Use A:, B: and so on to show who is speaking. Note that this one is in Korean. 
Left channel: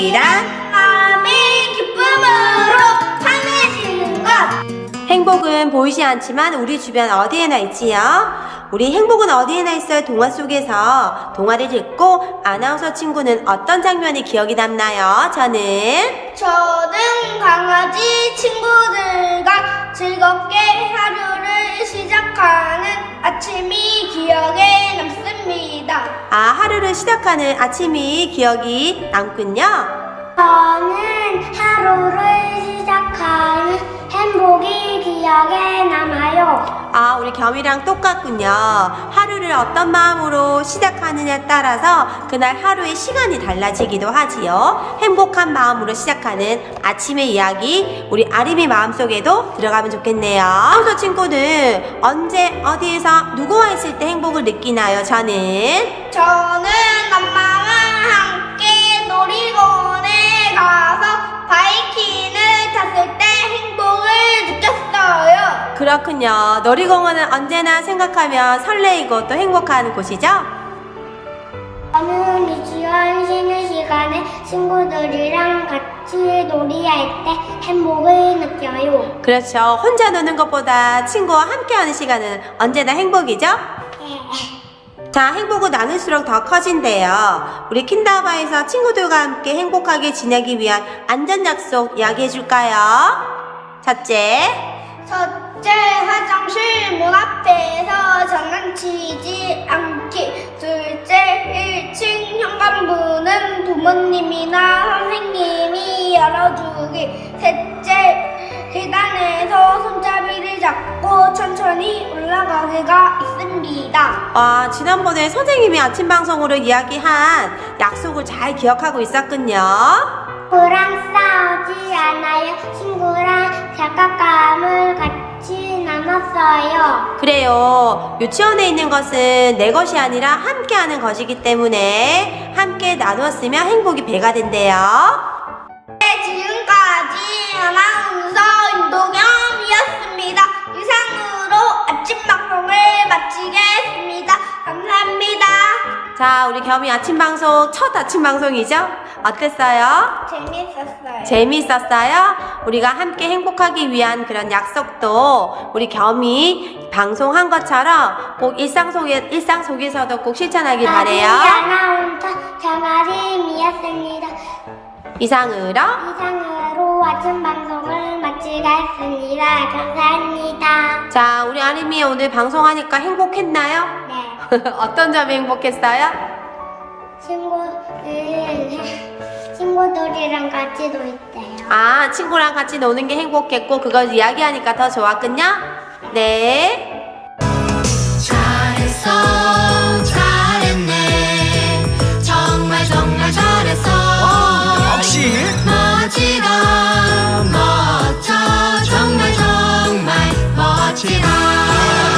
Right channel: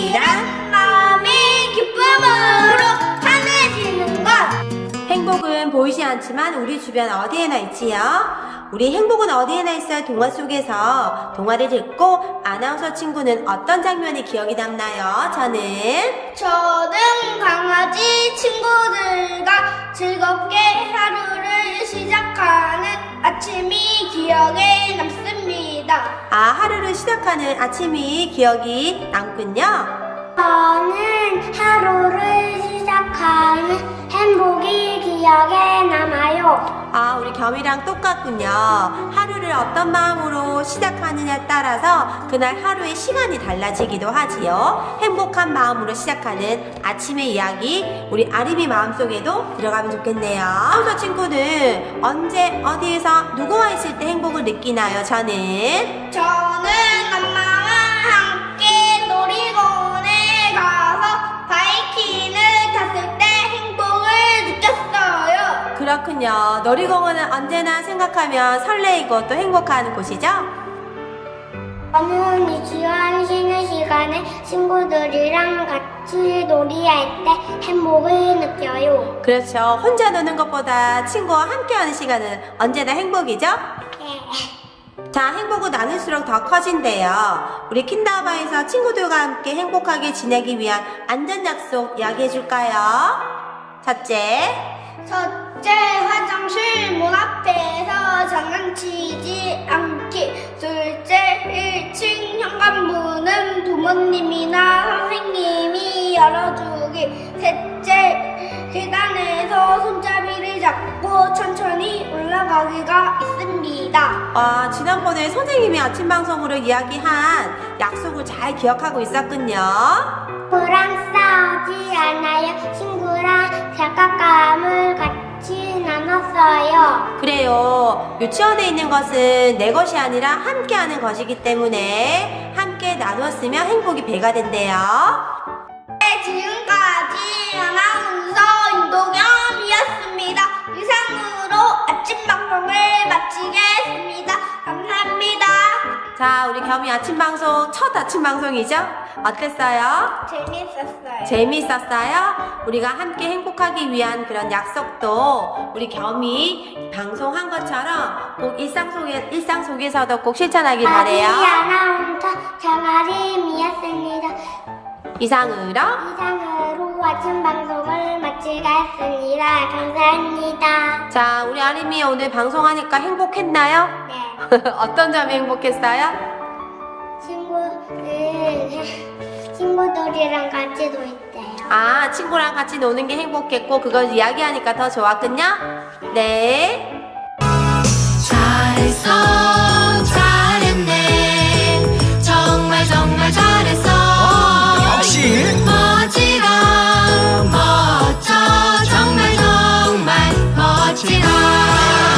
A: 친구들이랑
B: 마음의 기쁨으로 찬해지는 것.
A: 행복은 보이지 않지만 우리 주변 어디에나 있지요. 우리 행복은 어디에나 있어요. 동화 속에서 동화를 듣고 아나운서 친구는 어떤 장면이 기억이 남나요? 저는
B: 강아지 친구들과 즐겁게 하루를 시작하는 아침이 기억에 남습니다.
A: 하루를 시작하는 아침이 기억이 남군요.
B: 저는 하루를 시작하는 행복이 기억에 남아요.
A: 우리 겸이랑 똑같군요. 하루를 어떤 마음으로 시작하느냐에 따라서 그날 하루의 시간이 달라지기도 하지요. 행복한 마음으로 시작하는 아침의 이야기, 우리 아림이 마음속에도 들어가면 좋겠네요. 아나운서 친구들, 언제 어디에서 누구와 있을 때 행복을 느끼나요? 저는
B: 엄마와 함께 놀이공원에 가서 바이킹을 탔을 때 행복을 느꼈어요.
A: 그렇군요. 놀이공원은 언제나 생각하면 설레이고 또 행복한 곳이죠?
B: 저는 유치원 쉬는 시간에 친구들이랑 같이 놀이할 때 행복을 느껴요.
A: 그렇죠. 혼자 노는 것보다 친구와 함께하는 시간은 언제나 행복이죠? 자, 행복은 나눌수록 더 커진대요. 우리 킨다바에서 친구들과 함께 행복하게 지내기 위한 안전 약속 이야기해 줄까요? 첫째,
B: 화장실 문 앞에서 장난치지 않기. 둘째, 1층 현관문은 부모님이나 선생님이 열어주기. 셋째, 계단에서 손잡이를 잡고 천천히 올라가기가 있습니다.
A: 지난번에 선생님이 아침 방송으로 이야기한 약속을 잘 기억하고 있었군요.
B: 친구랑 싸우지 않아요. 친구랑 장난감을 같이 나눴어요.
A: 그래요. 유치원에 있는 것은 내 것이 아니라 함께하는 것이기 때문에 함께 나누었으면 행복이 배가 된대요.
B: 지금까지 아나운서 윤도겸이었습니다. 이상으로 아침 방송을 마치겠습니다. 감사합니다.
A: 자, 우리 겸이 아침 방송, 첫 아침 방송이죠? 어땠어요?
B: 재밌었어요.
A: 재미있었어요? 우리가 함께 행복하기 위한 그런 약속도 우리 겸이 방송한 것처럼 꼭 일상 속에서도 꼭 실천하길 바래요.
B: 아나운서 정아림이었습니다.
A: 이상으로
B: 아침 방송을 마치겠습니다. 감사합니다.
A: 자, 우리 아림이 오늘 방송하니까 행복했나요?
B: 네.
A: 어떤 점이 행복했어요?
B: 친구들이랑 같이 놀 때요.
A: 친구랑 같이 노는 게 행복했고 그걸 이야기하니까 더 좋았군요? 네.
C: 잘했어, 잘했네. 정말 잘했어.
D: 역시
C: 멋지다, 멋져. 정말 멋지다.